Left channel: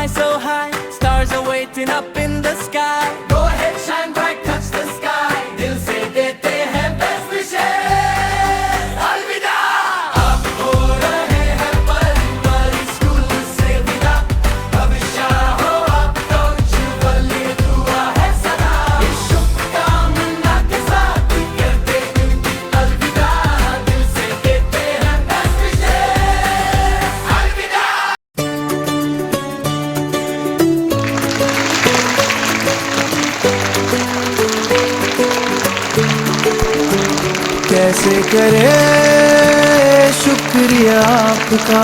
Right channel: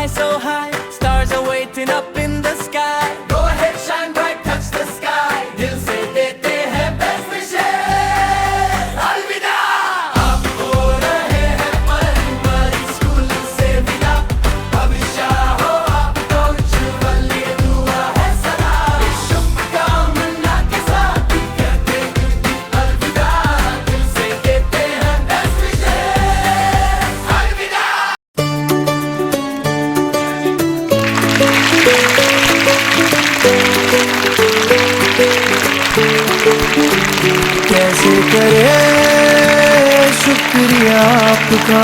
fly so high, stars are waiting up in the sky. Go ahead, shine bright, touch the sky. दिल से देते हैं best wishes. अलविदा। अब हो रहे हैं परी स्कूल से विदा। भविष्य हो आप तो उज्ज्वल ये दुआ है सदा। इस शुभकामना के साथ कहते हैं अलविदा। दिल से देते हैं best wishes. अलविदा। कैसे करे शुक्रिया आपका,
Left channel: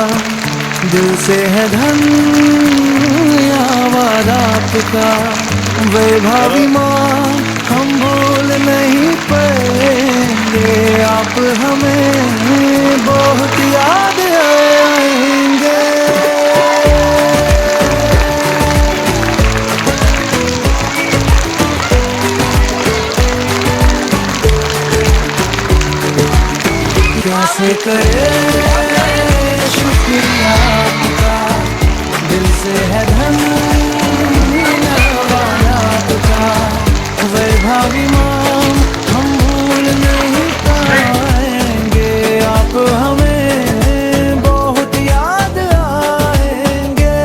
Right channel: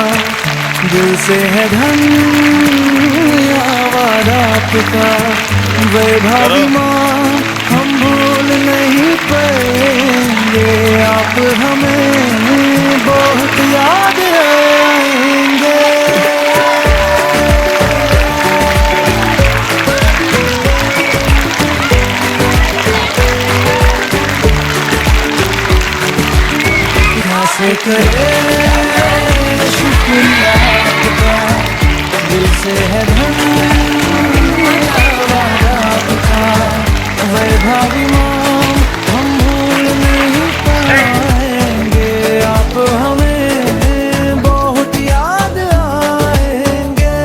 दिल से है धन्यवाद आपका। वैभावी माँ हम भूल नहीं पाएंगे, आप हमें बहुत याद आएंगे। कैसे करे शुक्रिया आपका, दिल से है धन्यवाद आपका। वैभावी माँ हम भूल नहीं पाएंगे, आप हमें बहुत याद आएंगे।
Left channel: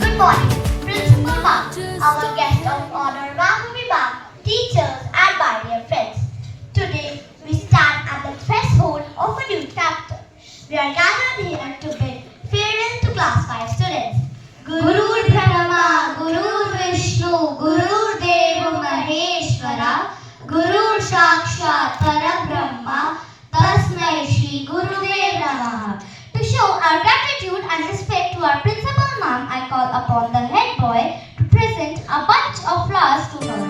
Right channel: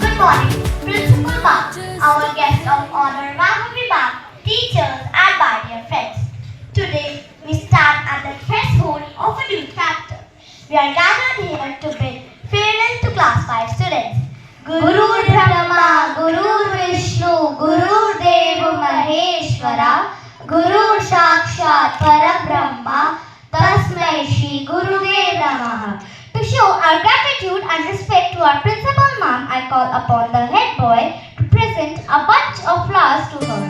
Good morning, Principal Ma'am, our guest of honor, Vibhavi Ma'am, teachers, and my dear friends. Today, we stand at the threshold of a new chapter. We are gathered here to bid farewell to Class 5 students. Guru Brahma, Guru Vishnu, Guru Dev Maheshwara, Guru Sakshat Parabrahma, Tasmai Shri Gurudev Namaha. To show our gratitude and respect to our Principal Ma'am, I call upon the head boy to present a bunch of flowers to her.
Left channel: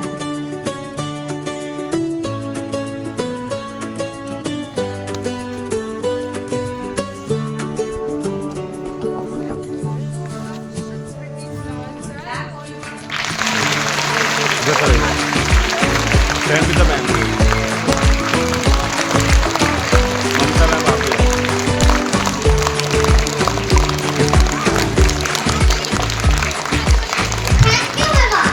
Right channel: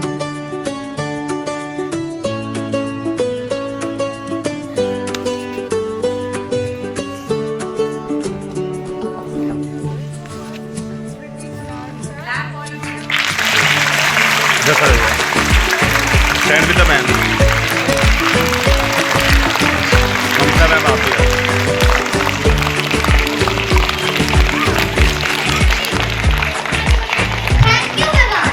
Just stand with the man. Mamta ma'am आप भी आइए। Thank you, Vivan.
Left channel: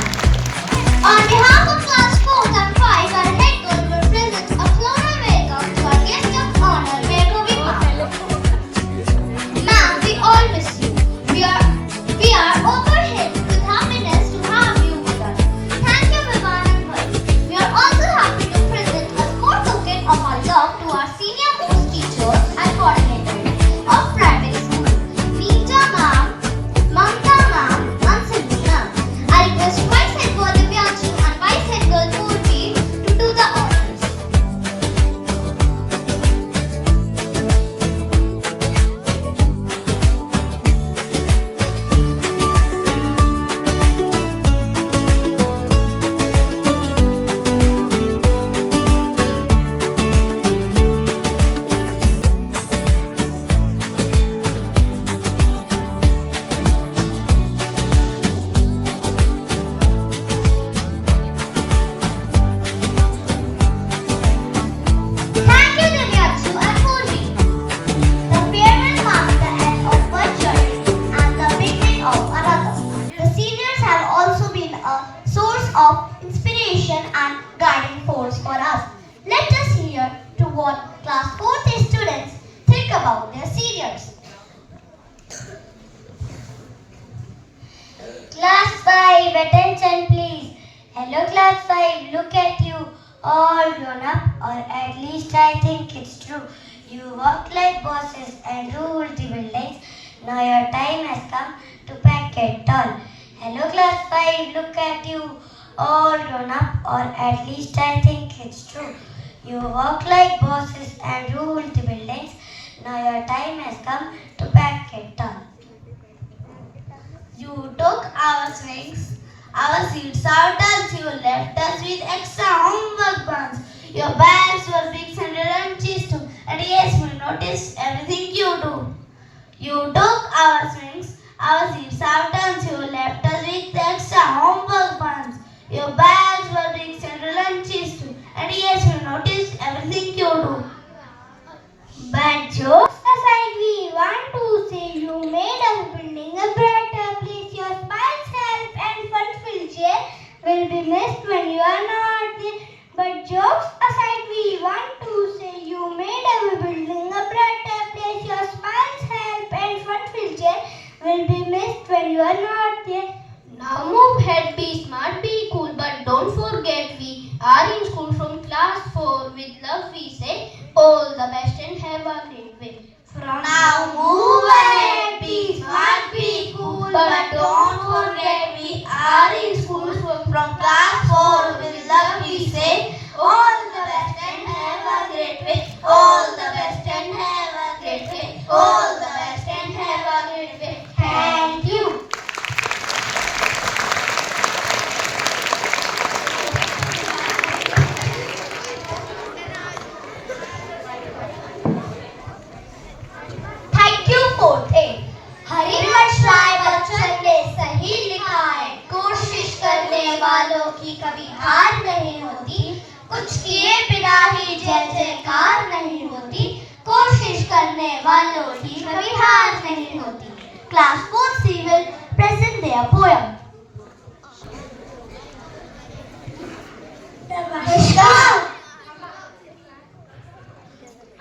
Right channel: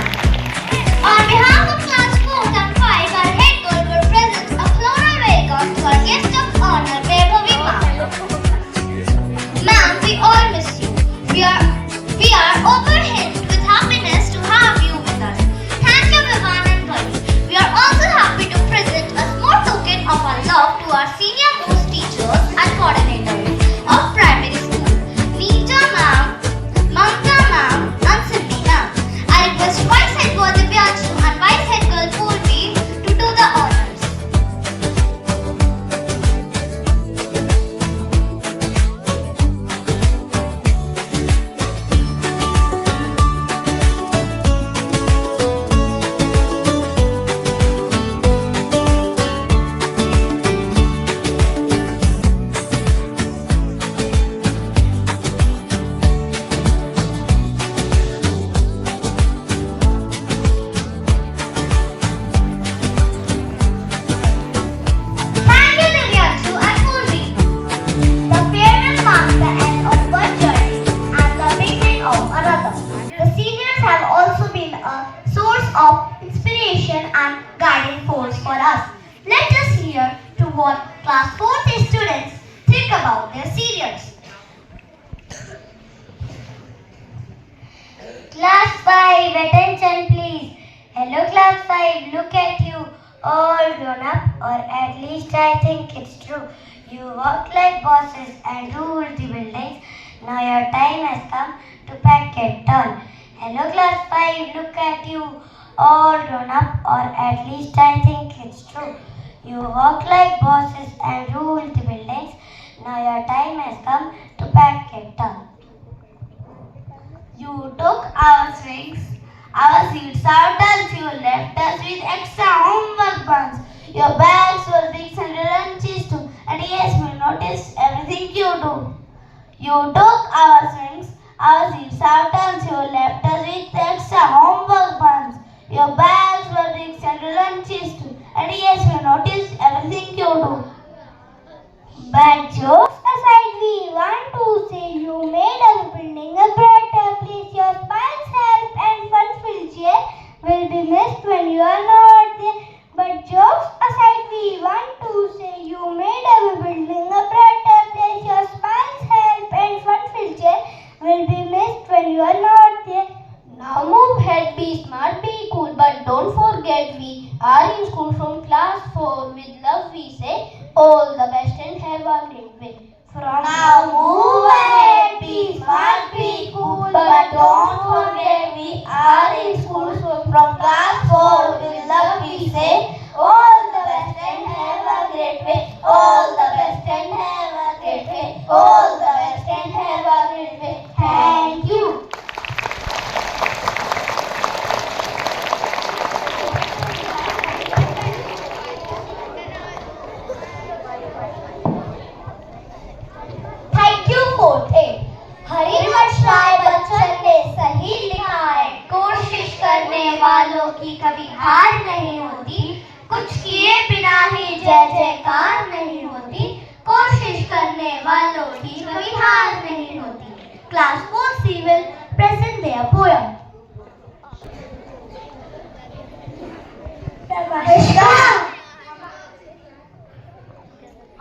On behalf of Class 4 and 5, our head girl will present a floral welcome to our guest of honor, Vibhavi Ma'am. Ma'am, we all miss you. We are overwhelmed with happiness to have you with us. Thank you, Vivan and Bhavi. We are also happy to present a small token of our love to our senior most teachers and coordinators of primary school, Neeta Ma'am, Mamta Ma'am, and Sylvie Ma'am. I request Vice Head Girl Divyanshi and Vice Head Girl Purvi to do the honors. Thank you, Divyanshu and Purvi. The farewell marks the end of one journey and the beginning of another. The seniors have also been a source of inspiration and guiding force for us. Let us hear to what Class 4th students think about their seniors. Class 5, attention please. Hello Class 5, look at you. All grown up, or at least I think it's true. You walk like bosses and rule the buildings. Now your time has come to pack it all. Hello Class 5, look at you. All grown up, or at least I think it's true. You walk like bosses and rule the buildings. Now your time has come to pack it all. You took our swings, our seats out as you left us with extra homework buns. Your bags were big and lunches too. And yes, we noticed everything you do. You took our swings, our seats out and you left us with extra homework buns. Your bags were big and lunches too. And yes, we say all the best and have a great day. From now move ahead, be smart, be cool, but don't forget we are in school. So from class 4 with love we say all the best and have a great day. All the best and have a great day. All the best and have a great day. Thank you. Thank you, 4th A. Harivansh Rai Bachchan ने सही लिखा है, कोशिश करने वालों की कभी हार नहीं होती, कुछ किए बिना ही जय जयकार नहीं होती, कोशिश करने वालों की कभी हार नहीं होती. Class 4C will present their poem. नमस्कार.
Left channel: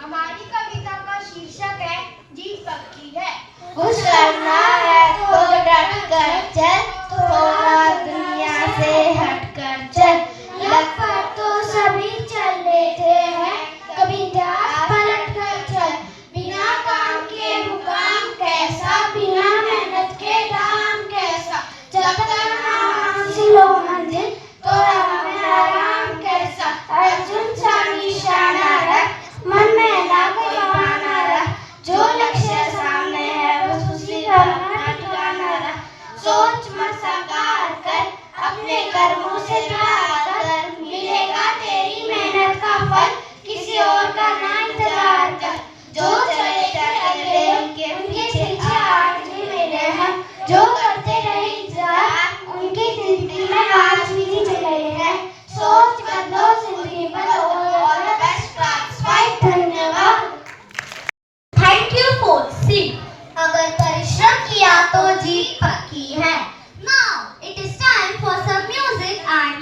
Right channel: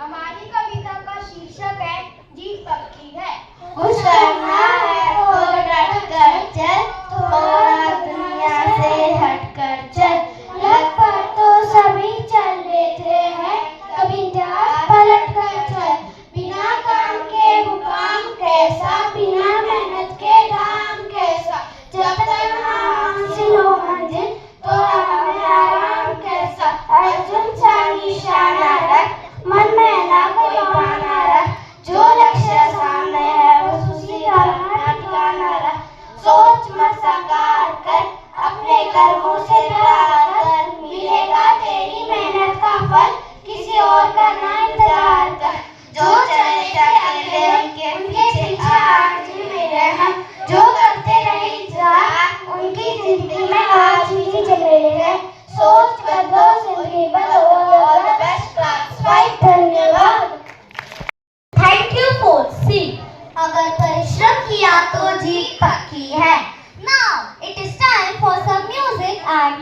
हमारी कविता का शीर्षक है जीत पक्की है. कुछ करना है तो डट कर चल, थोड़ा दुनिया से हट कर चल. लग पर तो सभी चल लेते हैं, कभी इतिहास पलट कर चल. बिना काम के मुकाम कैसा, बिना मेहनत के दाम कैसा. जब तक ना हासिल हो मंजिल तो हमें आराम कैसा. अर्जुन सा निशाना रख, मन में ना कोई बहाना रख, जो लक्ष्य सामने है बस उसी का ठिकाना रख. सोच मत साकार कर, अपने कर्मों से प्यार कर, मिलेगा तेरी मेहनत का फल, किसी और का ना इंतजार कर. जो चले चले उनके पीछे आज भी मेरे हम, जो करते रहे इंतजार उनकी जिंदगी में आज भी चले हैं. सोच बदलो जिंदगी बदलो. All the best class 5. धन्यवाद. Thank you 4C. अगर परिश्रम किया तो जीत पक्की है. Now it is time for some music and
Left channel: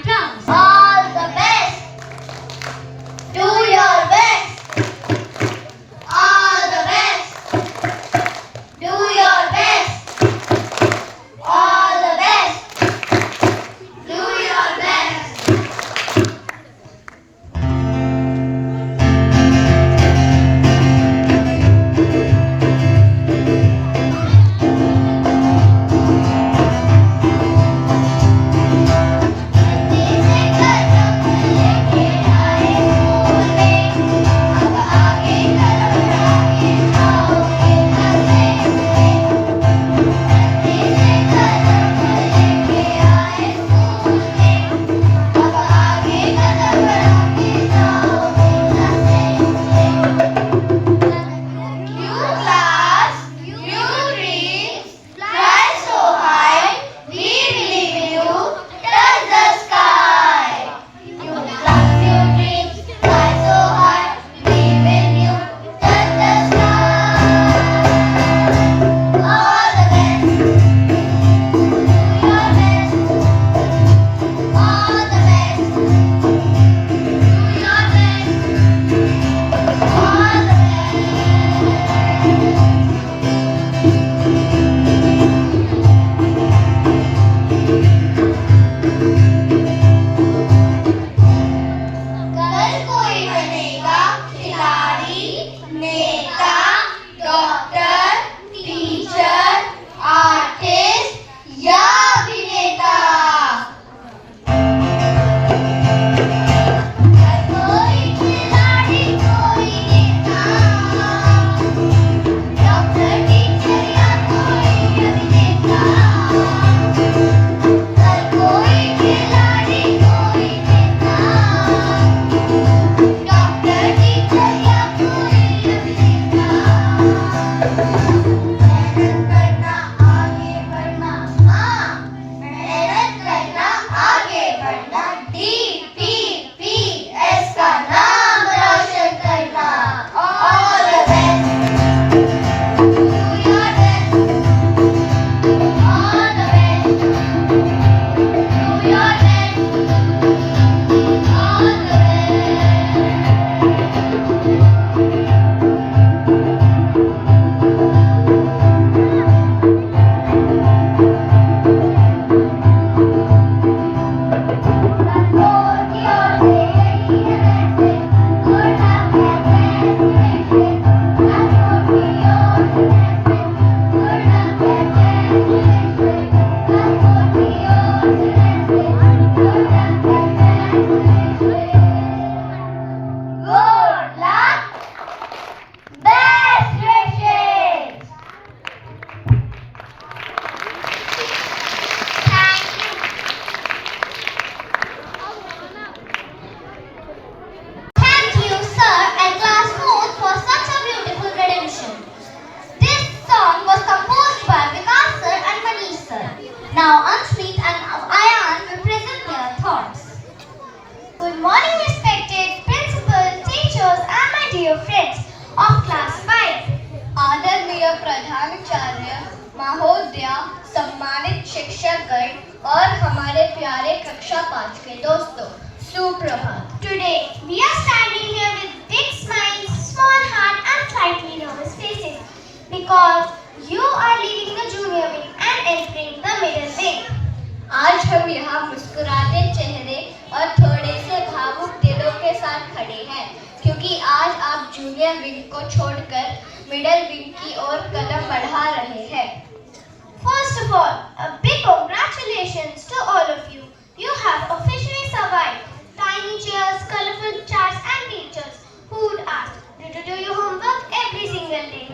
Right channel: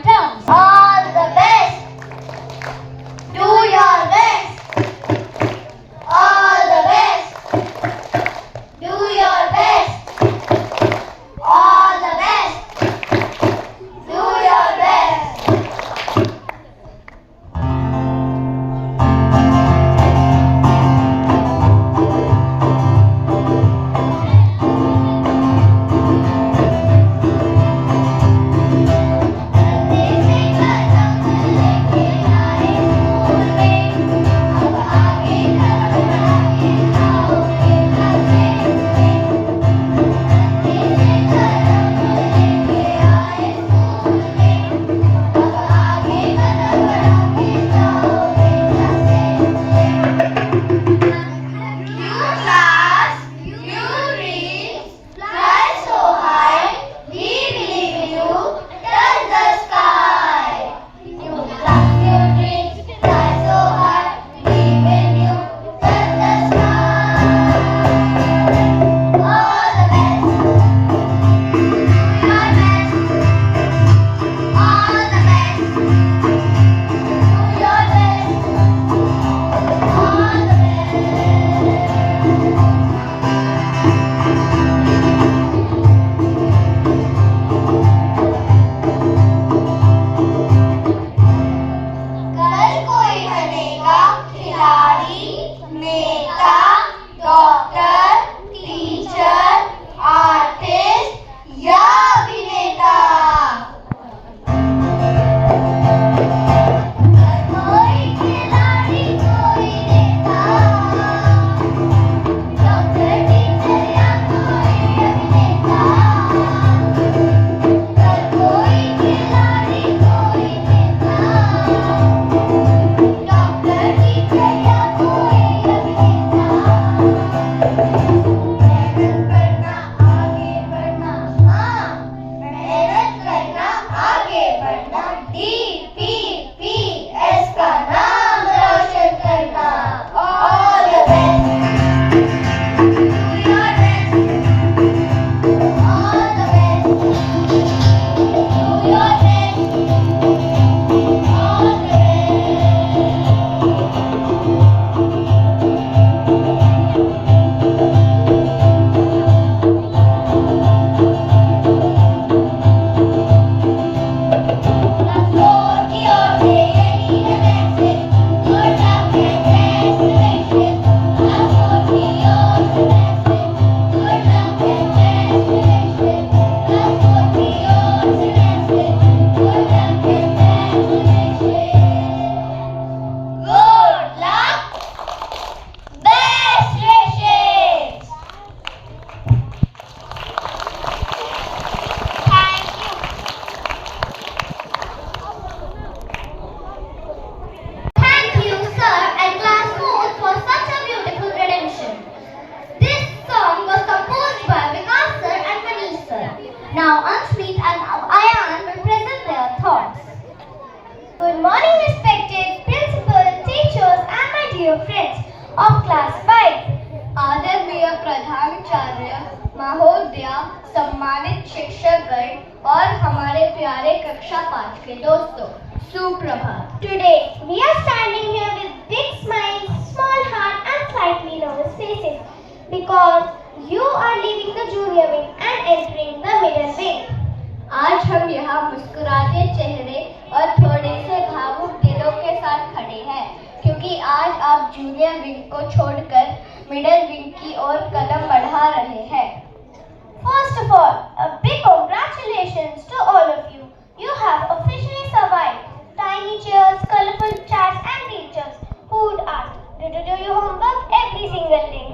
और हमारे प्यारे कक्षा 5 के दोस्तों, सुप्रभात। Today we are standing here with big smiles, small heart and slightly nervous faces because you are leaving the junior wing and entering the middle wing. आज हम यहाँ मुस्कुराते चेहरे और थोड़े से भावुक दिलों के साथ खड़े हैं क्योंकि आज आप जूनियर विंग को छोड़कर मिडिल विंग की ओर कदम बढ़ा रहे हैं। First of all, a big congratulations to all of you. You have officially survived. Tiny chairs, colorful charts and teachers who would ask, did you do your homework every single day?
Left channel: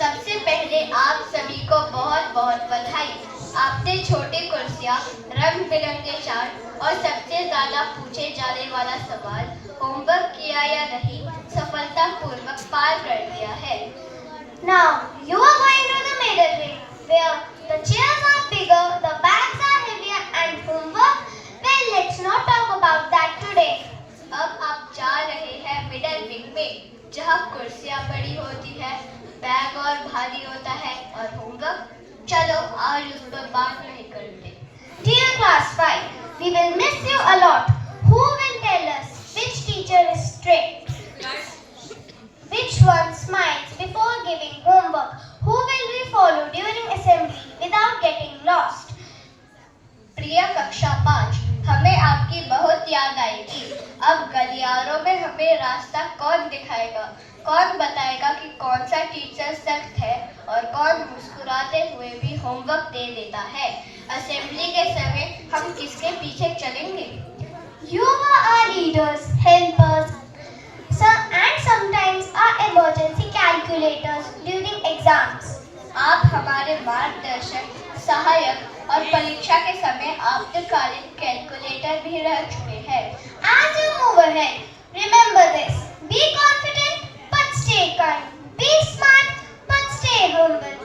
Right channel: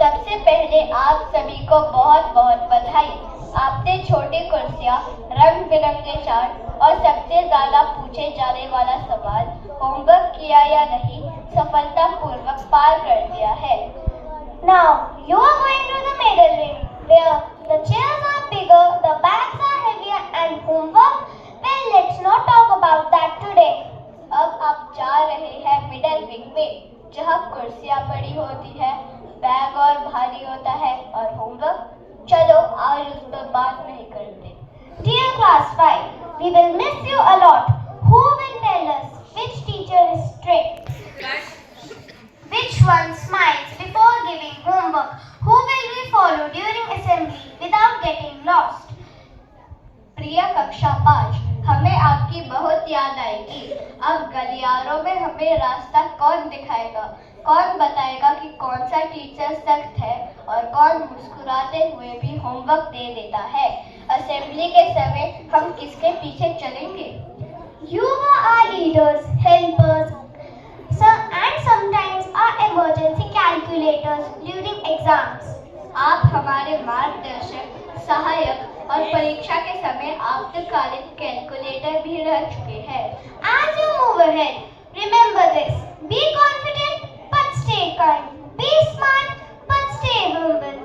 सबसे पहले आप सभी को बहुत बहुत बधाई। आपने छोटी कुर्सियाँ, रंग बिरंगे चार्ट और सबसे ज़्यादा पूछे जाने वाला सवाल होमवर्क किया या नहीं सफलतापूर्वक पार कर दिया है। Now you are going to the middle wing where the chairs are bigger, the bags are heavier and homework, well, let's not talk about that today. अब आप जा रहे हैं मिडिल विंग में जहाँ कुर्सियाँ बड़ी होती है, बैग और भारी होता है और होमवर्क, चलो आज उस पर बात नहीं करते। Dear class 5, we will miss you a lot. Who will tell us which teacher is strict? Which one smiles before giving homework? Who will we follow during assembly without getting lost? प्रिय कक्षा 5, हमें आपकी बहुत याद आएगी। अब गलियारों में हमें रास्ता कौन दिखाएगा? कौन बताएगा कि कौन सा टीचर सख्त है और कौन मुस्कुराते हुए भी होमवर्क दे देता है? असेंबली के समय हम किसके पीछे चलेंगे? You are our leaders, helpers, and sometimes our emergency calculators during exams. आप हमारे मार्गदर्शक, सहायक और परीक्षा के समय आपातकालीन कैलकुलेटर भी रह चुके हैं। As you move ahead, remember this: be confident but stay kind, be smart but stay humble.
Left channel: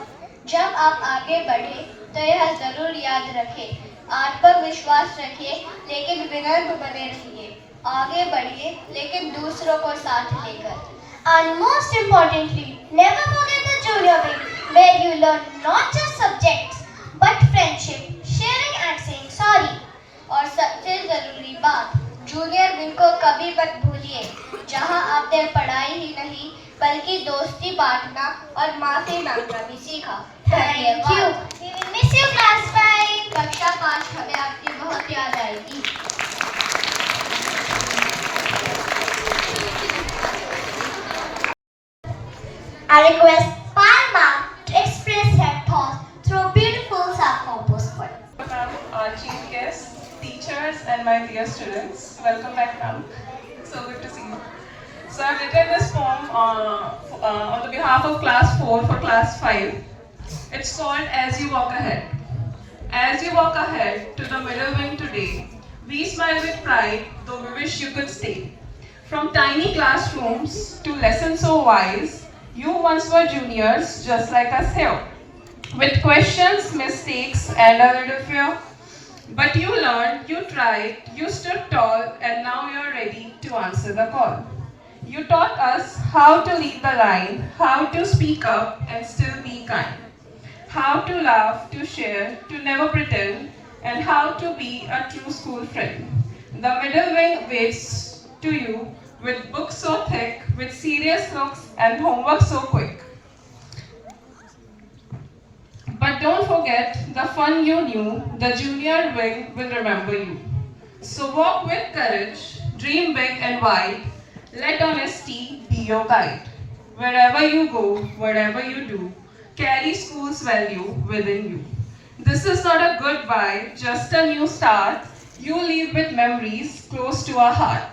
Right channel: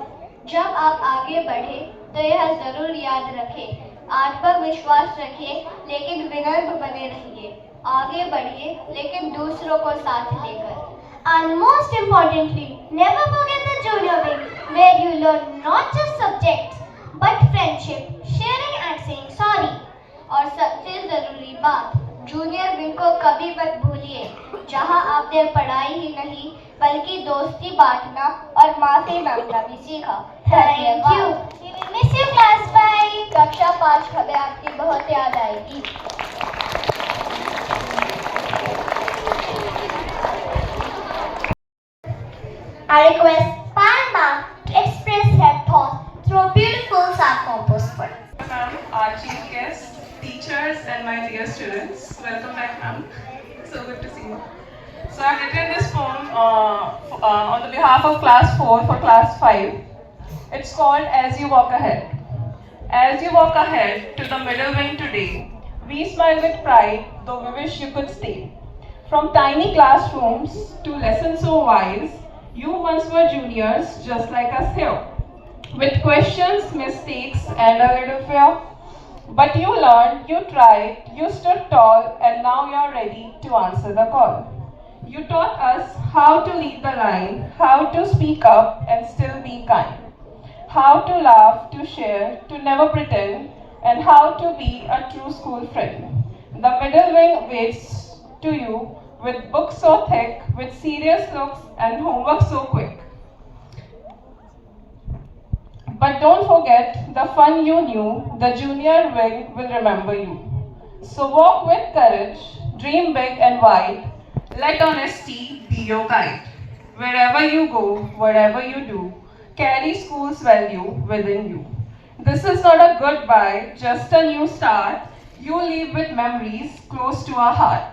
जब आप आगे बढ़े तो यह जरूर याद रखें, आत्मविश्वास रखिए लेकिन विनम्र बने रहिए, आगे बढ़िए लेकिन दूसरों को साथ लेकर। And most importantly, never forget the junior wing where you learn not just subjects but friendship, sharing and saying sorry. और सबसे जरूरी बात, जूनियर विंग को कभी मत भूलिए जहां आपने पढ़ाई ही नहीं बल्कि दोस्ती बांटना और माफी मांगना भी सीखा। Thank you. We will miss you class 5. कक्षा 5 हमें आपकी बहुत याद आएगी। I request Palma to express her thoughts through a beautiful self-composed poem. Ma'am, our chief guests, teachers, and my dear students, welcome back, ma'am. So good to see you. So I've written this poem on the behalf of class 4 for class 5. It's called As You Walk Ahead. As you walk ahead to the middle wing today, we smile with pride, though we wish you could stay. From tiny classrooms to lessons so wise, you once were juniors just like us here, with questions, mistakes, and a little fear. But you learned, you tried, you stood tall, and now you are ready to answer the call. You taught us how to lead the line, how to speak up and still be kind, how to laugh, to share, to never pretend, and how to be a true school friend. The middle wing waits to you with books so thick, with serious looks and homework so quick. But don't forget the fun you knew, the junior wing will remember you. So walk with courage, dream big and wide, let honesty be your guide. Wherever you go, whatever you do, carry school's value within you. This is not a goodbye, just a new start. You leave with memories close to our heart.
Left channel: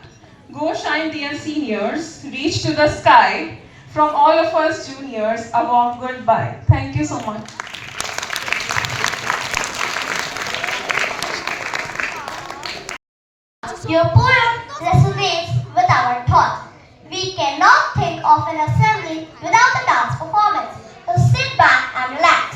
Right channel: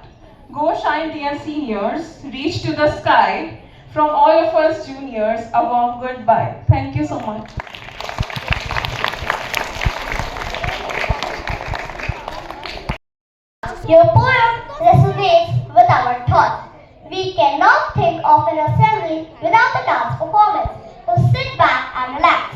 Go shine, dear seniors, reach to the sky. From all of us juniors, a warm goodbye. Thank you so much. Your poem resonates with our thoughts. We cannot think of an assembly without a dance performance. So sit back and relax.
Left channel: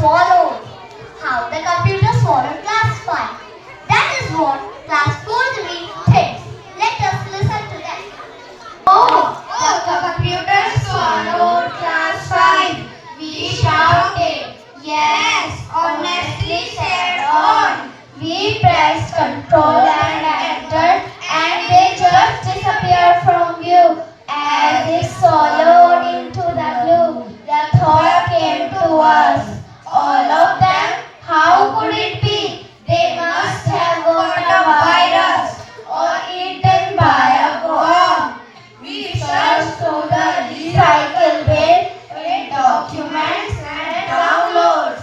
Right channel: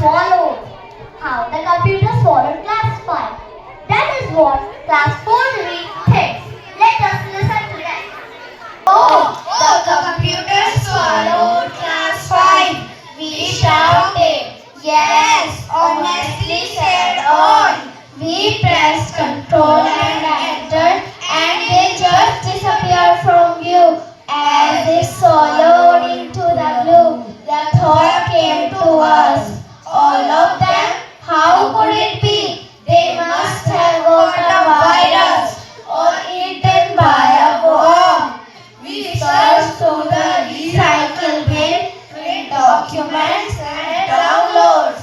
swallowed. How the computer swallowed class 5. That is what class 4 thinks. Let us listen to them. Oh, the computer swallowed class 5. We shouted. Yes, honestly said on. We pressed control and enter and they just disappeared from view. As they swallowed into the glue, the thought came to us. All of them, how could it be? They must have got a virus or eaten by a worm. We searched through the recycle bin with documents and downloads.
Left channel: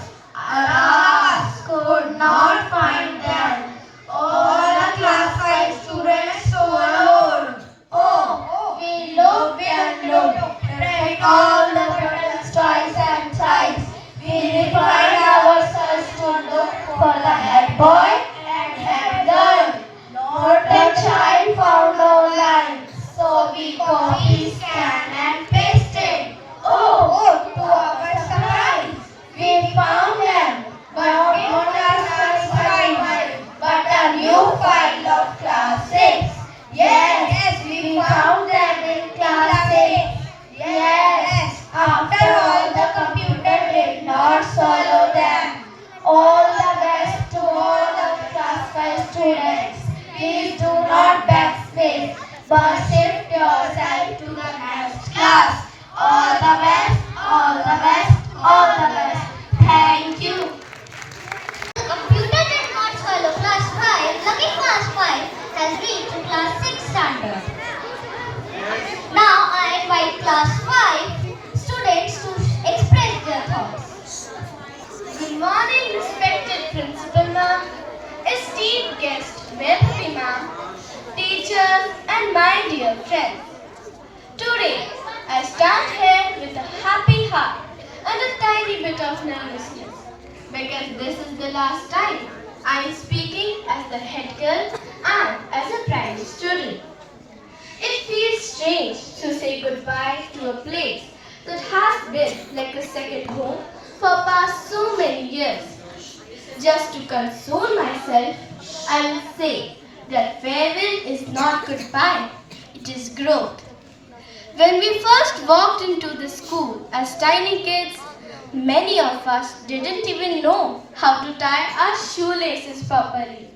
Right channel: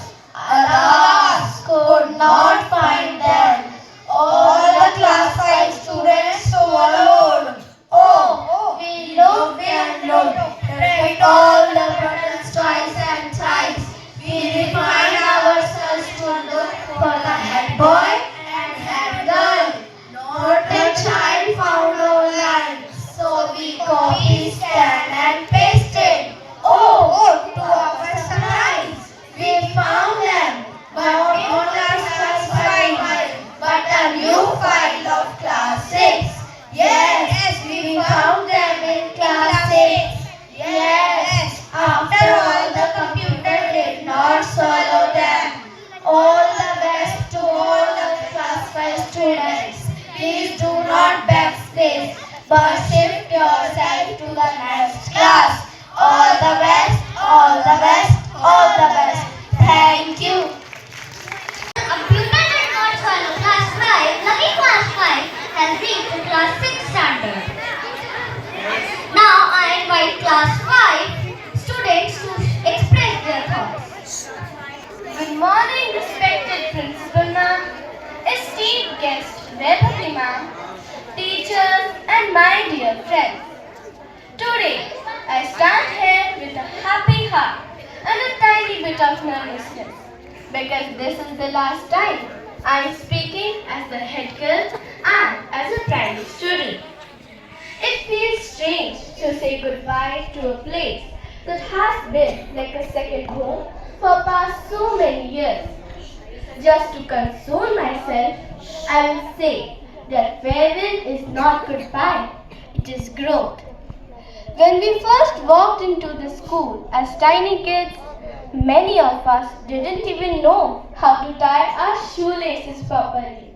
Alas, could not find them. All the class 5 students swallowed. Oh, we looked and looked, pressed all the buttons twice and thrice. We refined ourselves to look for the head boy and head girl. Not the child found online. So we copied, scanned and pasted. Oh, to our surprise, we found them. But not our class 5, but a new file of class 6. Yes, we found them in class 6. Yes, after all, the computer did not swallow them. All the best to all the class 5 students. Please do not backspace, but shift yourself to the next class. All the best, all the best, all the best. Thank you. Computer did not swallow class 5. Lucky class 5 has reached to class 6 standard. Now I invite class 5 students to express their thoughts. Good morning, respected principal ma'am, esteemed guest, Vedhavi ma'am, teachers and my dear friends. Today I stand here with a happy heart and a tiny bit of nervousness because this is the last time I am speaking as the head girl and as a primary student. It feels strange to say goodbye to a place that has been like a second home for past so many years. Just to console myself, I will say that farewell is not goodbye, it is growth. When we first walked into the school as tiny kids, many of us didn't even know how to tie our shoelaces properly.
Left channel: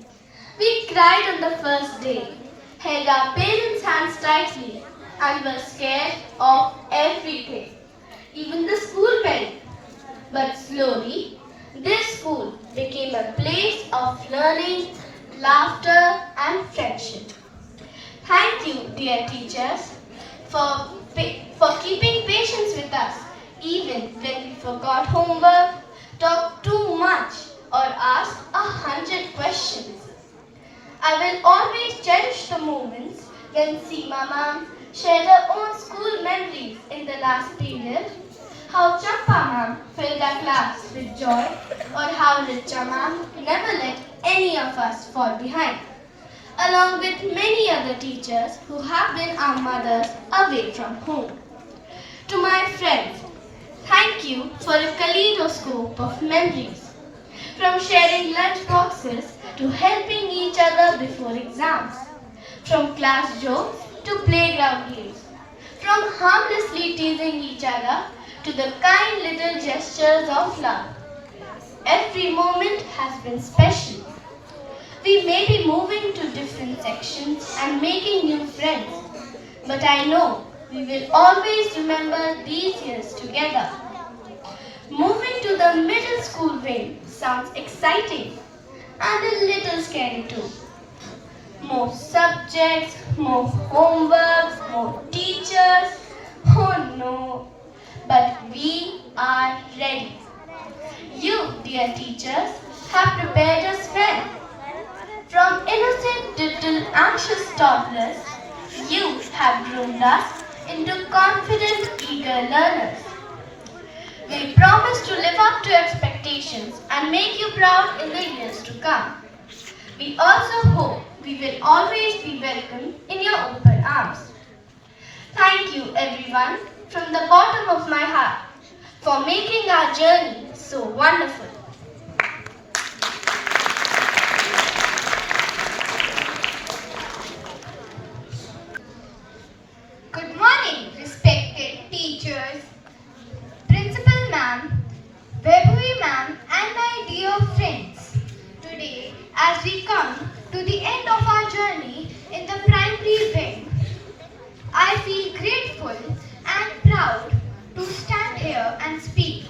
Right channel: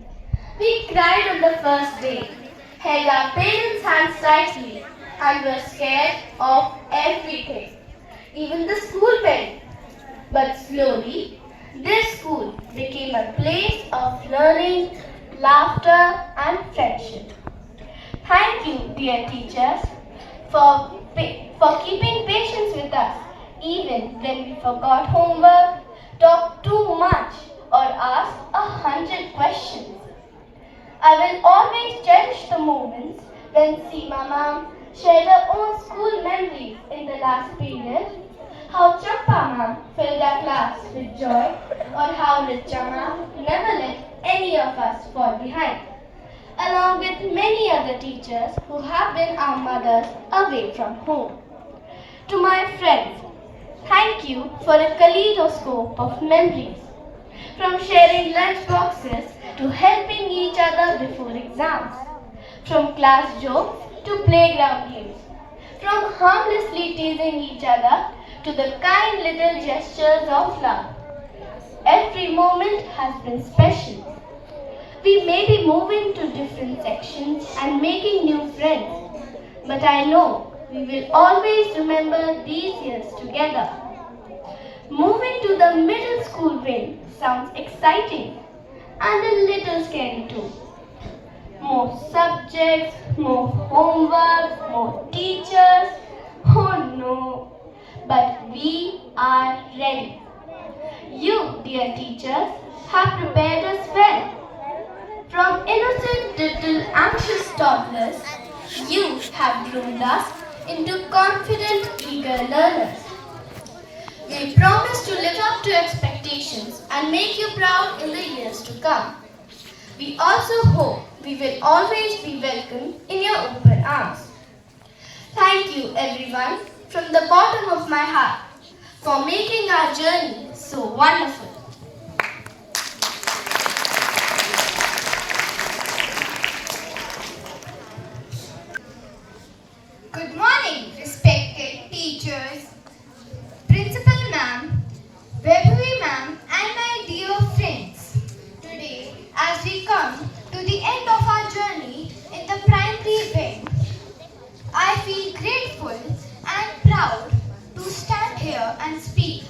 We cried on the first day, held our parents' hands tightly, and were scared of everything, even the school bell. But slowly, this school became a place of learning, laughter, and friendship. Thank you, dear teachers, for keeping patience with us, even when we forgot homework, talked too much, or asked 100 questions. I will always cherish the moments when Seema ma'am shared her own school memories in the last period, how Champa ma'am filled our class with joy, or how Richa ma'am never let any of us fall behind, along with many other teachers who have been our mothers away from home. To my friends, thank you for a kaleidoscope of memories, from sharing lunch boxes to helping each other before exams, from class jokes to playground games, from harmlessly teasing each other to the kind little gestures of love. Every moment has been special. We may be moving to different sections and making new friends, but I know we will always remember these years together. Moving to the middle school wing sounds exciting and a little scary too. More subjects, more homework, more teachers. Oh no! But we are ready. You, dear teachers, have prepared us well. From innocent little anxious toddlers, you have groomed us into confident, eager learners. We promise to live up to expectations and make you proud in the years to come. We also hope we will always be welcome in your open arms. Thank you everyone from the bottom of my heart for making our journey so wonderful. Good morning, respected teachers, Principal Ma'am, Vaibhavi Ma'am, and my dear friends. Today, as we come to the end of our journey in the primary wing, I feel grateful and proud to stand here and speak,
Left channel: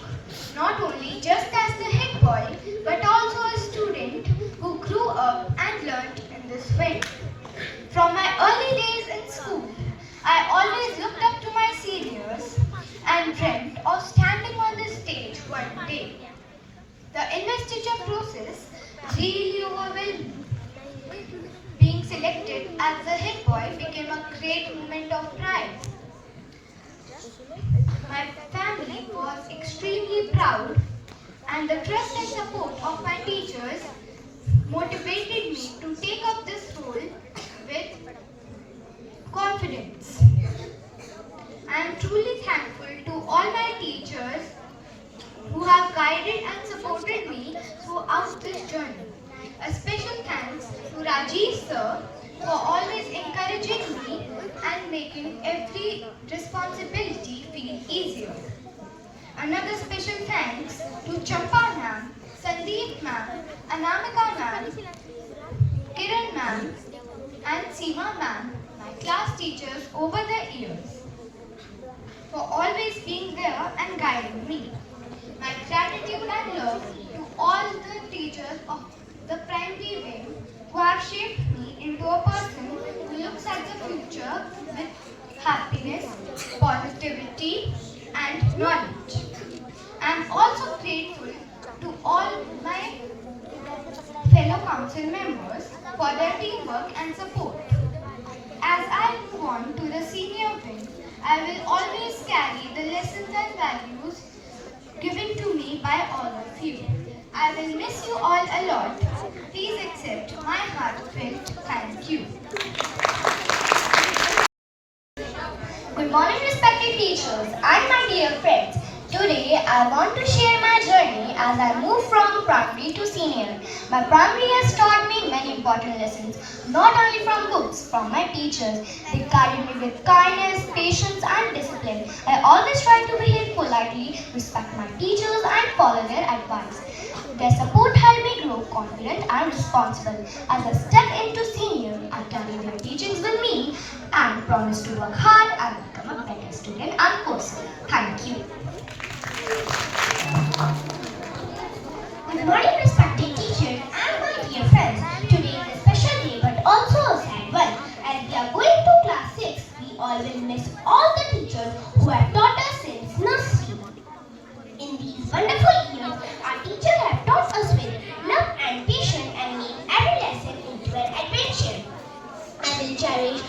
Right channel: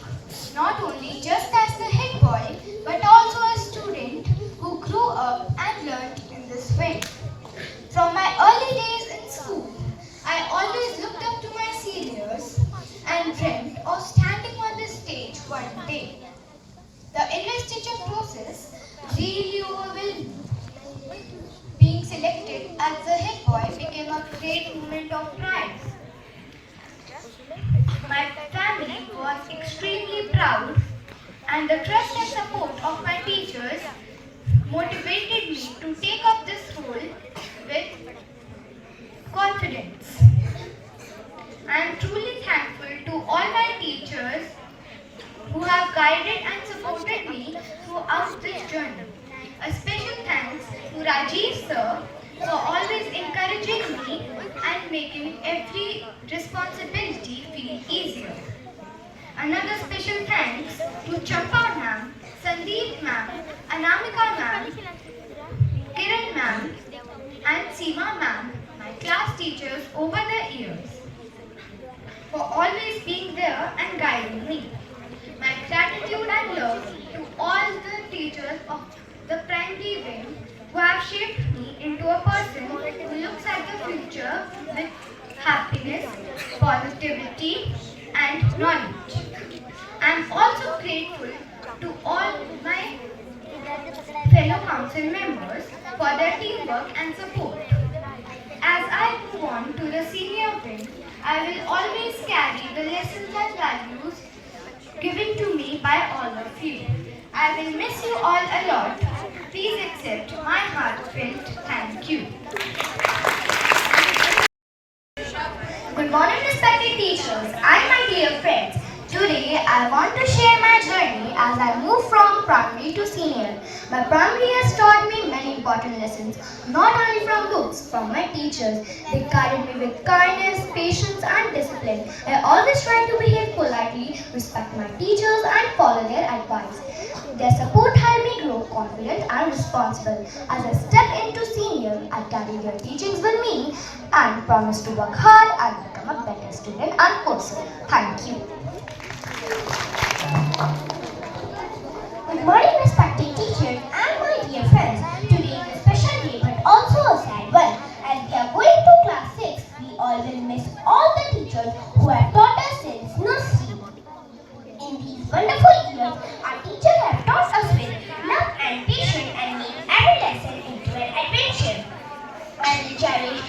not only just as the head boy, but also a student who grew up and learned in this wing. From my early days in school, I always looked up to my seniors and dreamt of standing on the stage one day. The investiture process really overwhelmed me. Being selected as the head boy became a great moment of pride. My family was extremely proud, and the trust and support of my teachers motivated me to take up this role with confidence. I am truly thankful to all my teachers who have guided and supported me throughout this journey. A special thanks to Rajiv sir for always encouraging me and making every responsibility feel easier. Another special thanks to Champa ma'am, Sandeep ma'am, Anamika ma'am, Kiran ma'am, and Seema ma'am, my class teachers over the years, for always being there and guiding me. My gratitude and love to all the teachers of the primary wing who have shaped me into a person who looks at the future with happiness, positivity, and knowledge. I am also grateful to all my fellow council members for their teamwork and support. As I move on to the senior wing, I will always carry the lessons and values given to me by all of you. I will miss you all a lot. Please accept my heartfelt thank you. Good morning, respected teachers and my dear friends. Today, I want to share my journey as I move from primary to senior. My primary has taught me many important lessons, not only from books, from my teachers. They guided me with kindness, patience, and discipline. I always try to behave politely, respect my teachers, and follow their advice. Their support helped me grow confident and responsible. As I step into senior, I carry their teachings with me and promise to work hard and become a better student and person. Thank you. Good morning, respected teachers and my dear friends. Today is a special day but also a sad one. As we are going to class 6, we all will miss all the teachers who have taught us since nursery. In these wonderful years, our teachers have taught us with love and patience and made every lesson into an adventure. I will cherish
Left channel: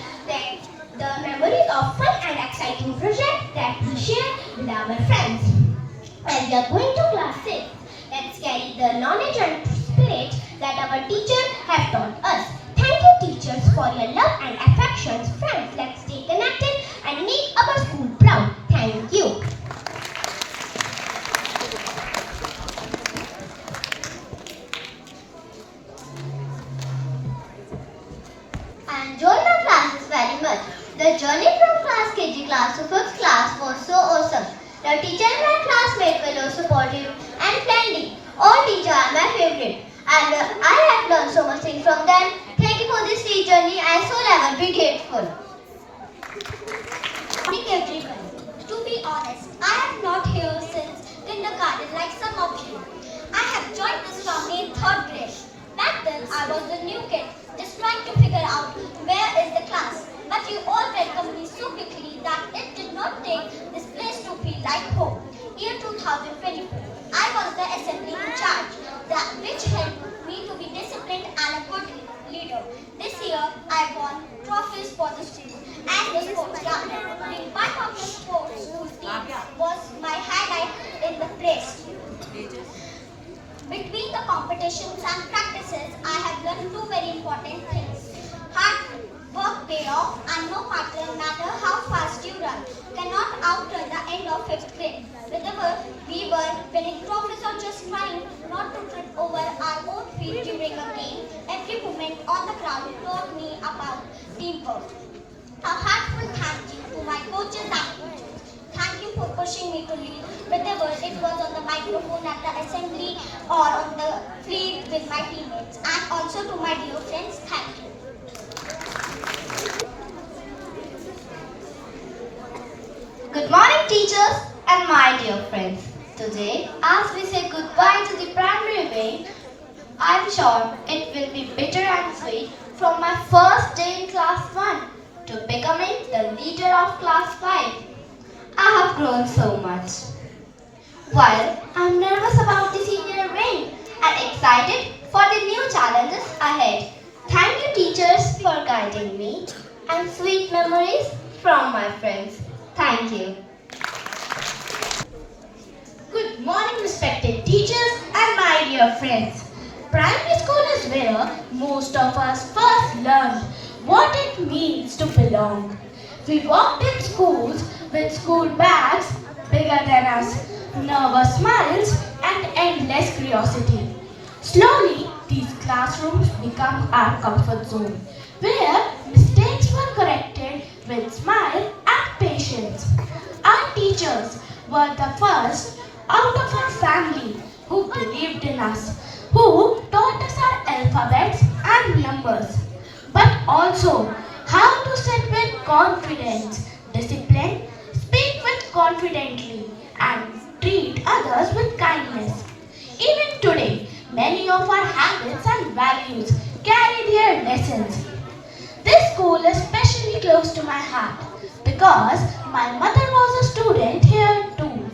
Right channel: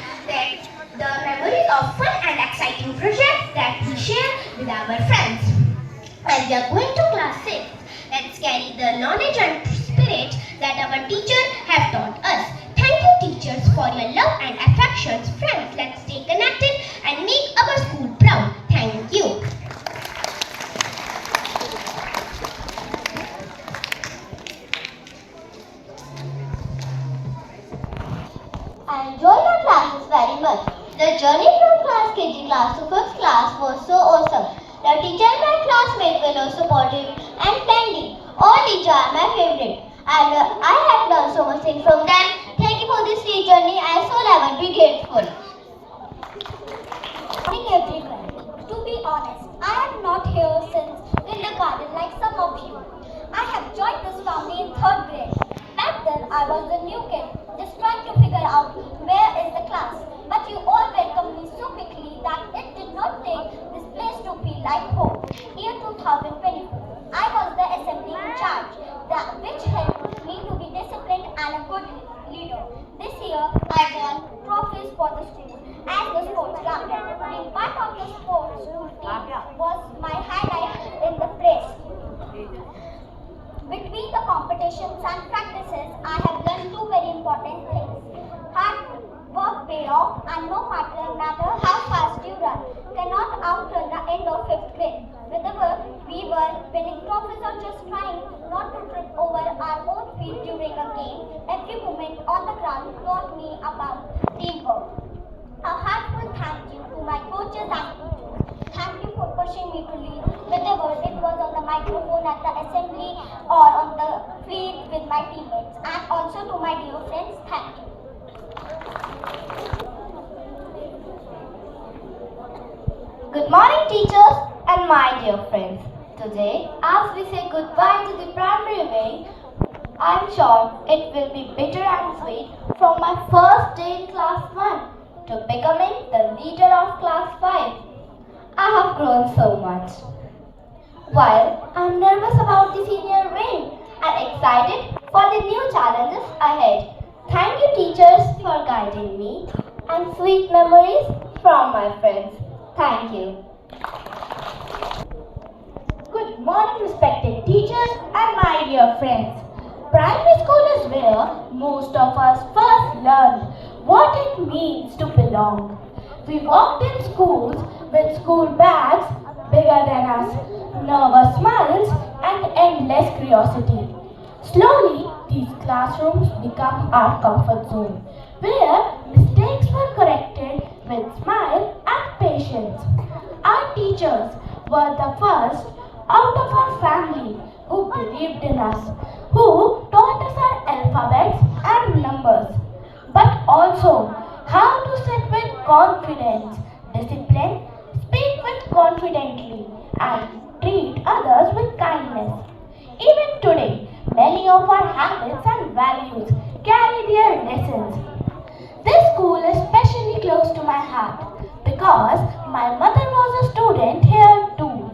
the memories of fun and exciting projects that we share with our friends. As we are going to class 6, let's carry the knowledge and spirit that our teachers have taught us. Thank you, teachers, for your love and affections. Friends, let's stay connected and make our school proud. Thank you. I enjoyed my classes very much. The journey from class KG class to 5th class was so awesome. The teacher and my classmates were so supportive and friendly. All teachers are my favorite. I have learned so much things from them. Thank you for this free journey. I shall ever be grateful. Good morning, everyone. To be honest, I am not here since kindergarten like some of you. I have joined this family in 3rd grade. Back then, I was a new kid, just trying to figure out where is the class. But you all welcomed me so quickly that it did not take this place to feel like home. Year 2024, I was the assembly in charge, which helped me to be disciplined and a good leader. This year, I won trophies for the school and the sports ground. Being part of the sports school team was my highlight in the place. Between the competitions and practices, I have learned 2 very important things. Hard work pay off, and no matter how fast you run, cannot outrun the end of 5th grade. Whenever we We were winning trophies or just trying not to trip over our own feet during a game. Every moment on the ground taught me about teamwork. A heartfelt thank you to my coaches and teachers. Thank you for pushing me to lead, whether it was on the microphone at the assembly or on the field with my teammates. And also to my dear friends, thank you. Good morning, teachers and my dear friends. Today, as we say goodbye to the primary wing, I am sure it will be bitter and sweet from my first day in class 1 to becoming the leader of class 5. I have grown so much. While I am nervous about the senior wing and excited for the new challenges ahead. Thank you, teachers, for guiding me and sweet memories from my friends. Thank you. Good morning, respected teachers and my dear friends. Primary school is where most of us first learned what it means to belong. We walked in schools with school bags bigger than us, nervous smiles, and endless curiosity. Slowly, these classrooms become our comfort zone, where mistakes were corrected with smile and patience. Our teachers were the first out of our family who believed in us, who taught us our alphabets and numbers, but also how to sit with confidence, discipline, speak with confidently, and treat others with kindness. Even today, many of our habits and values carry their lessons. This school is especially close to my heart because my mother was a student here too.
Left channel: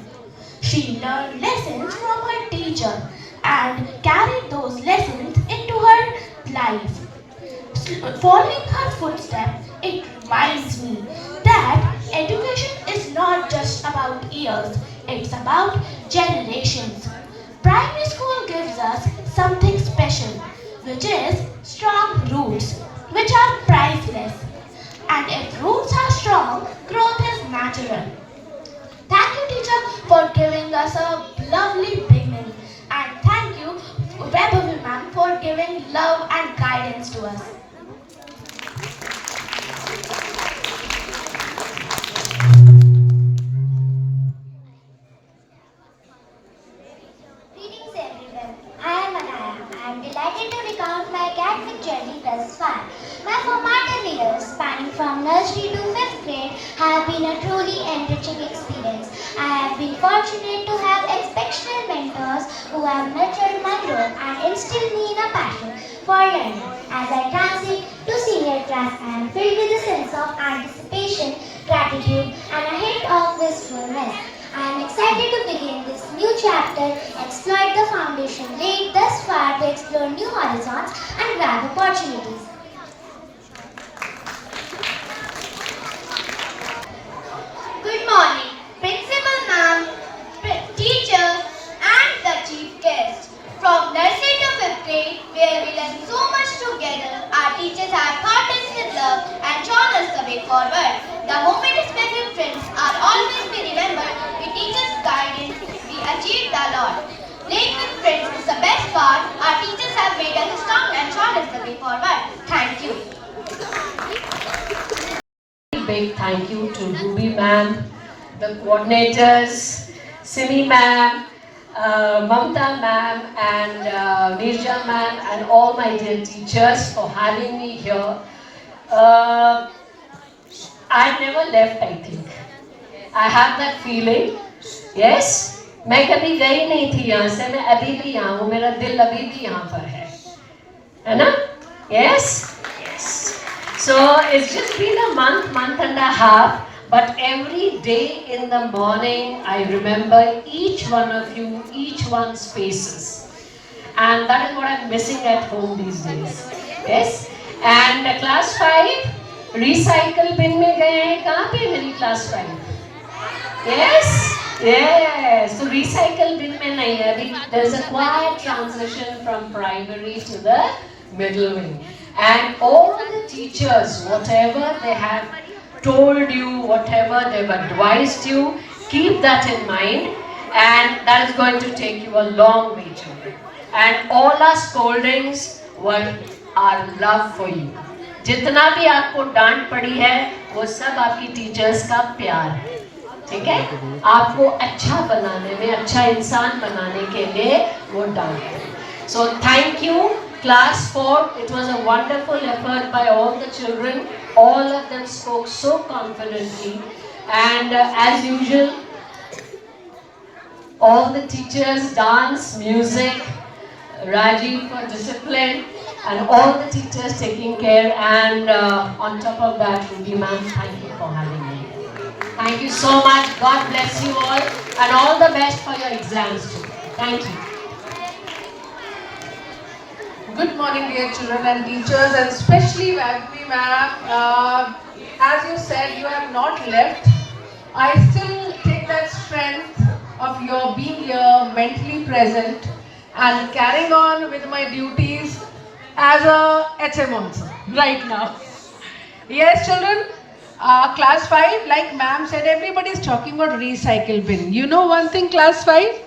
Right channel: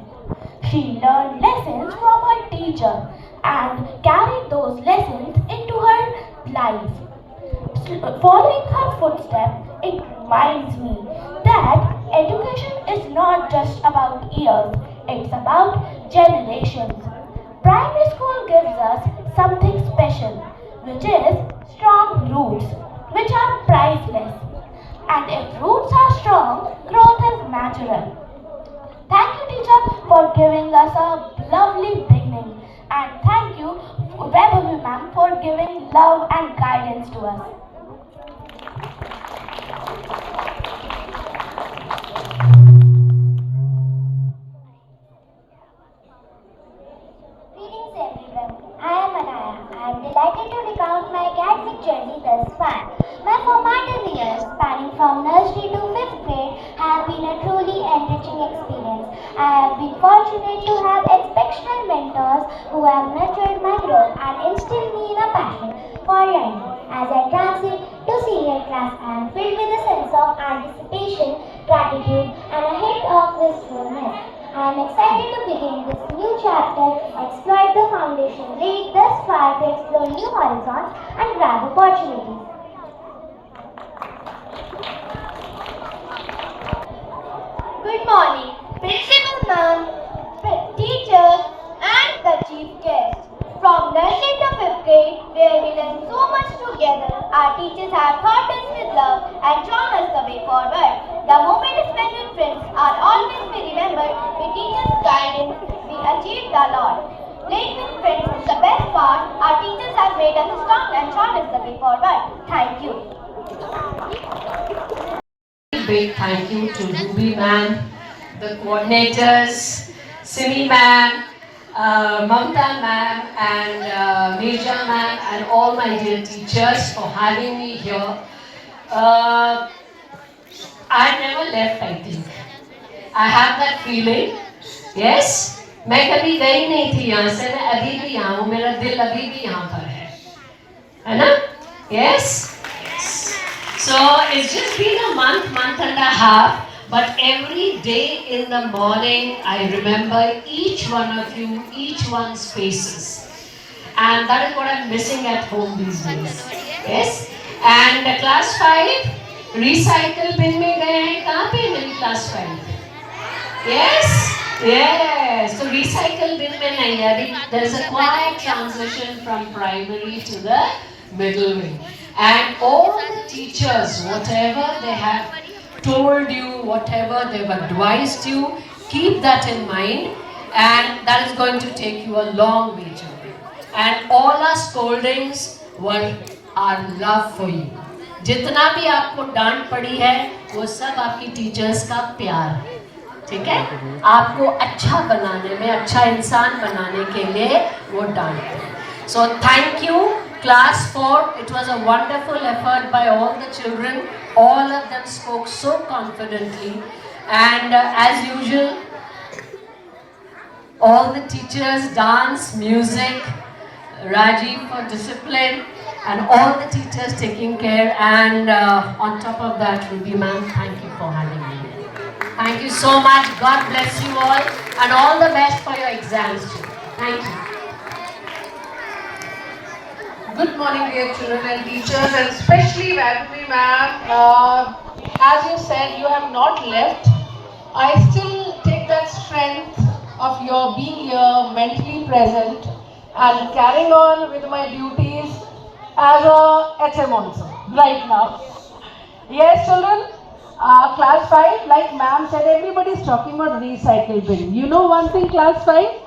She learned lessons from her teacher and carried those lessons into her life. Following her footsteps, it reminds me that education is not just about years, it's about generations. Primary school gives us something special, which is strong roots, which are priceless. And if roots are strong, growth is natural. Thank you, teacher, for giving us a lovely beginning. And thank you, Vaibhavi ma'am, for giving love and guidance to us. Greetings everyone. I am Anaya. I am delighted to recount my academic journey thus far. My formative years, spanning from nursery to 5th grade, have been a truly enriching experience. I have been fortunate to have exceptional mentors who have nurtured my growth and instilled me in a passion for learning. As I transit to senior class, I am filled with a sense of anticipation, gratitude, and a hint of wistfulness. I am excited to begin this new chapter, exploit the foundation laid thus far to explore new horizons and grab opportunities. Good morning, Principal Ma'am, teachers, and the chief guest. From nursery to 5th grade, where we learn so much together, our teachers have taught us with love and shown us the way forward. The moment is spent with friends are always be remembered. With teachers' guidance, we achieved a lot. Playing with friends is the best part. Our teachers have made us strong and shown us the way forward. Thank you. Big thank you to Ruby ma'am, the coordinators, Simi ma'am, Mamta ma'am, and Nirja ma'am, and all my dear teachers for having me here. I never left, I think. I have that feeling. Yes, मैं कभी गई नहीं थी यहाँ से, मैं अभी भी यहाँ हूँ, मेरा दिल अभी भी यहाँ पर है ना? Yes, yes. So it's just been a month and a half, but every day in the morning I remember each one of you, each one's faces. And that is what I'm missing at home these days. Yes? And class 5, recycle bin में गए हैं, कहाँ पे हैं class 5? Yes? Yes. So recycle bin में नहीं है, अभी there is a quiet transition from primary to the middle wing. And all the teachers, whatever they have told you, whatever they've advised you, keep that in mind. and that is going to take you a long way, children. And all our scoldings were our love for you. जितना भी आपको डांट पड़ी है वो सब आपकी teachers का प्यार है, ठीक है? आपको अच्छा बनाने में, अच्छा इंसान बनाने के लिए वो डांट है. So thank you, class 4. It was a wonderful effort by all the children. All of them spoke so confidently, and as usual, all the teachers, dance, music, Rajiv for discipline, and all the teachers taking care, and on top of that, Ruby ma'am, thank you for having me. Thank you so much. God bless you all, and all the best for your exams too. Thank you. Good morning, dear children and teachers, and especially Vaishnavi ma'am. As you said, you have not left. I still take that strength of your being here, mentally present, and carrying on with my duties as a HM also, right now. Yes, children, class 5, like ma'am said, everybody is talking about recycle bin. You know one thing, class 5?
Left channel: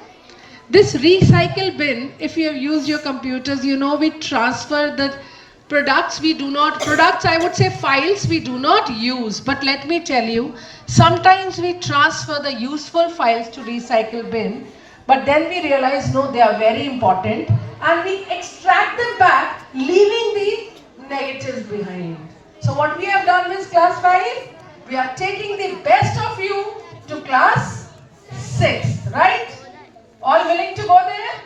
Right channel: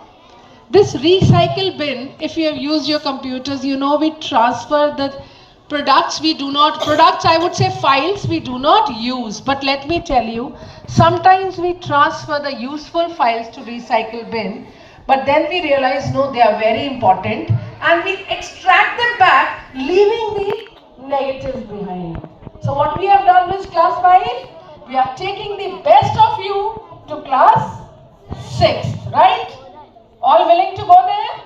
This recycle bin, if you have used your computers, you know we transfer the products I would say files we do not use. But let me tell you, sometimes we transfer the useful files to recycle bin, but then we realize no, they are very important, and we extract them back, leaving the negatives behind. So what we have done with class 5, we are taking the best of you to class 6, right? All willing to go there?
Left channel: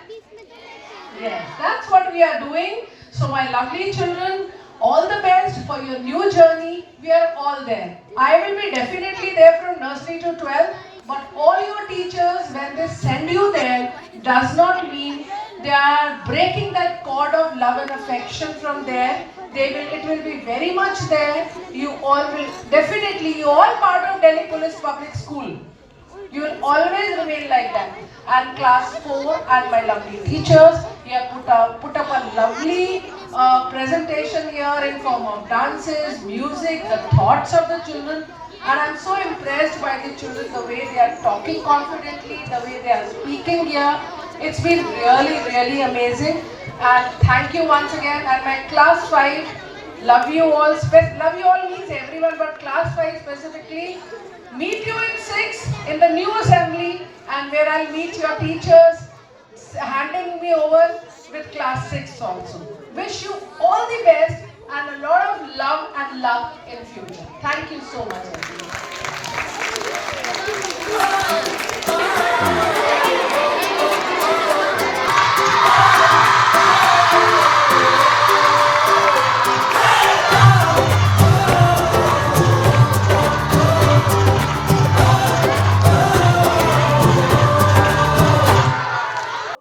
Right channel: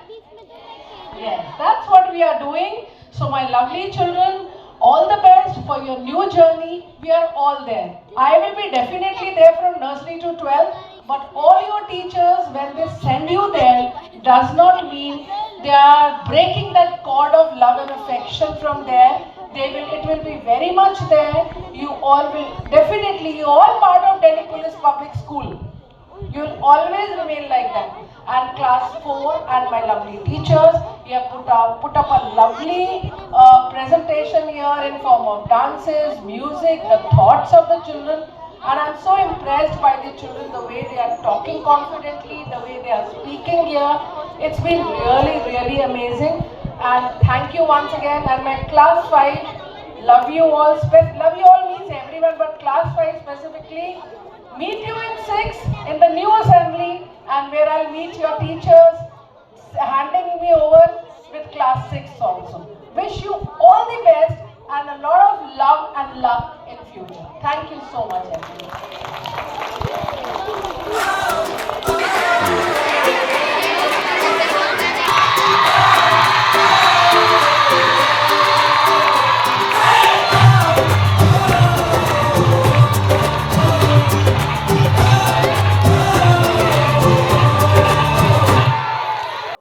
Yes, that's what we are doing. So my lovely children, all the best for your new journey. We are all there. I will be definitely there from nursery to 12, but all your teachers, when they send you there, does not mean they are breaking that cord of love and affection from there. It will be very much there. You all will definitely, you all part of Delhi Police Public School. You will always remain like that. And class 4 and my lovely teachers, you have put up a lovely presentation here in form of dances, music, the thoughts of the children. And I am so impressed by the children, the way they are talking confidently, the way they are speaking here. It's been really, really amazing. And thank you once again. And my class 5, love you all. Love you all means everyone, but class 5 specifically. Meet you in 6 in the new assembly, and where I'll meet your teachers, handing me over with class 6 also. Wish you all the best and a lot of love and luck in future. Thank you so much, everyone.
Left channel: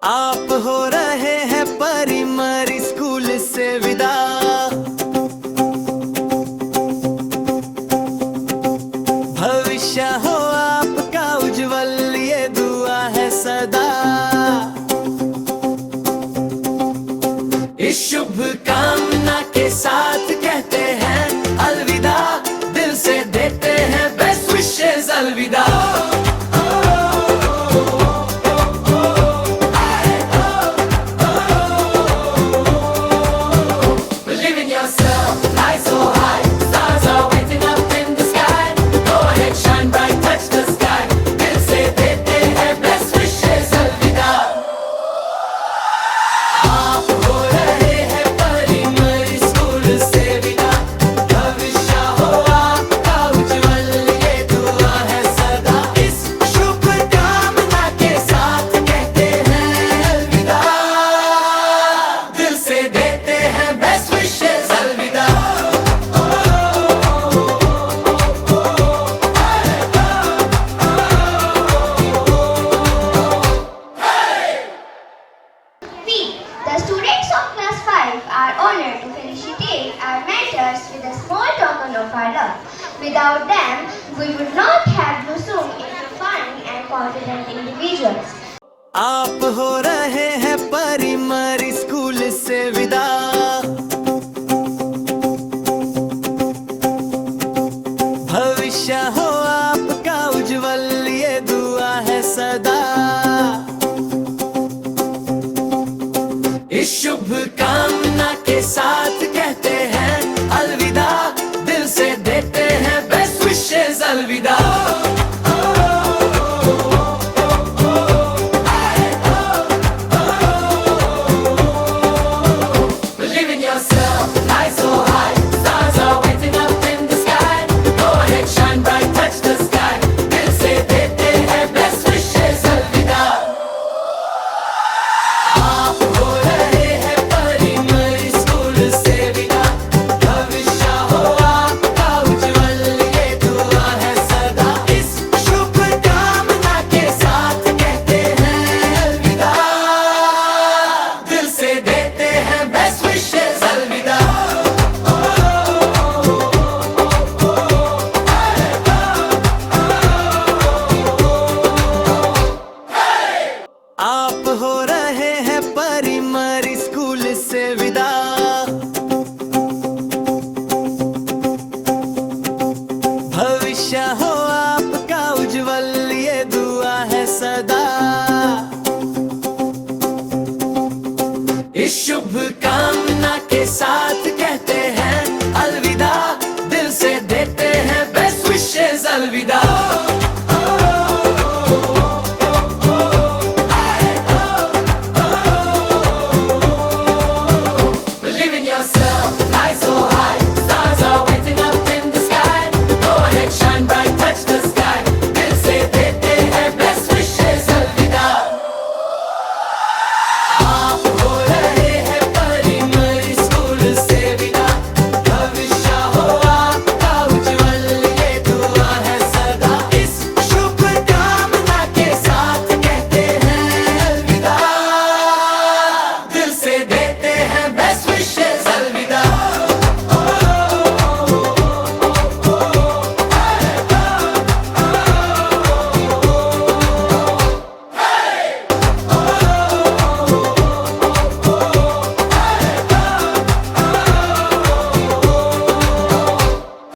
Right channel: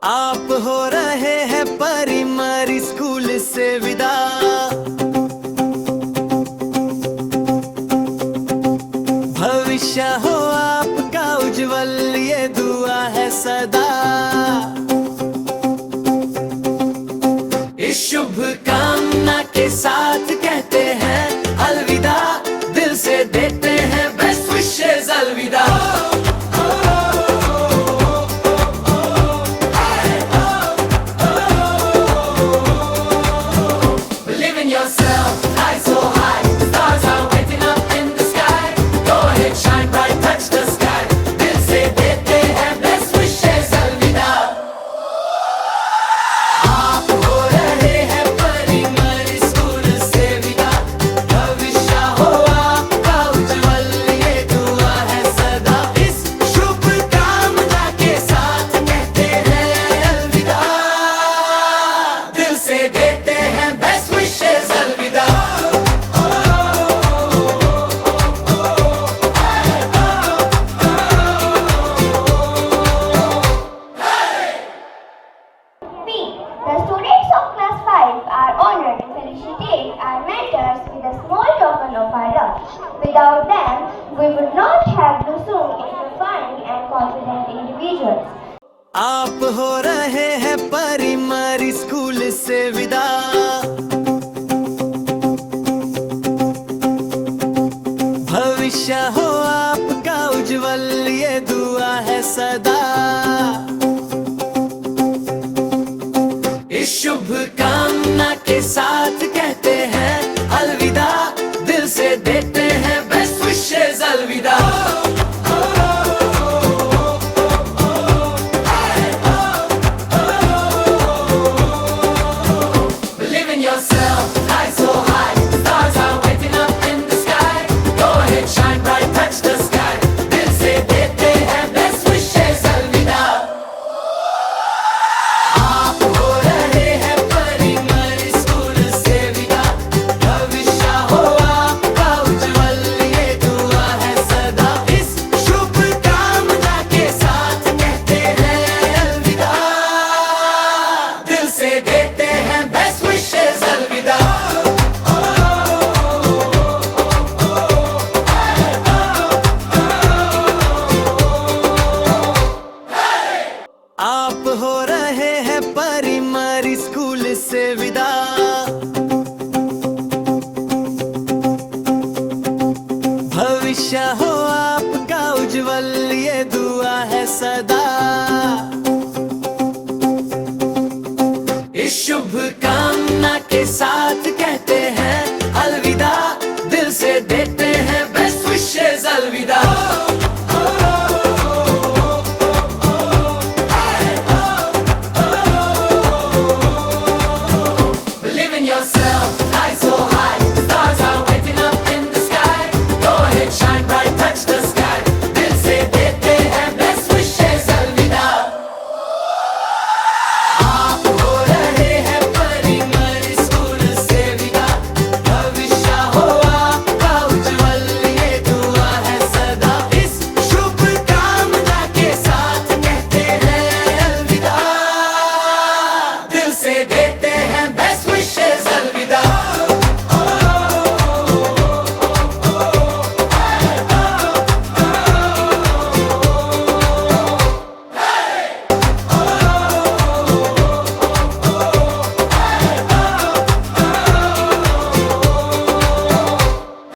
आप हो रहे हैं primary school से विदा, भविष्य हो आपका उज्जवल, ये दुआ है सदा। इस शुभ कामना के साथ कहते हैं अलविदा, दिल से देते हैं बेस्ट विशेस अलविदा। Without them, we would not have blossomed into fine and confident individuals. आप हो रहे हैं प्राइमरी स्कूल से विदा, भविष्य हो आपका उज्जवल, ये दुआ है सदा। इस शुभ कामना के साथ कहते हैं अलविदा, दिल से देते हैं बेस्ट विशेस अलविदा। Believe in yourself, fly so high, stars are waiting up in the sky. Go ahead, shine bright, touch the sky. दिल से देते हैं best wishes अलविदा। आप हो रहे हैं परी-मरी स्कूल से विदा, भविष्य हो आपका उज्जवल ये दुआ है सदा। इस शुभ कामना के साथ कहते हैं अलविदा, दिल से देते हैं बेस्ट विशेस अलविदा। आप हो रहे हैं परी-मरी स्कूल से विदा, भविष्य हो आपका उज्जवल ये दुआ है सदा। इस शुभ कामना के साथ कहते हैं अलविदा, दिल से देते हैं बेस्ट विशेस अलविदा।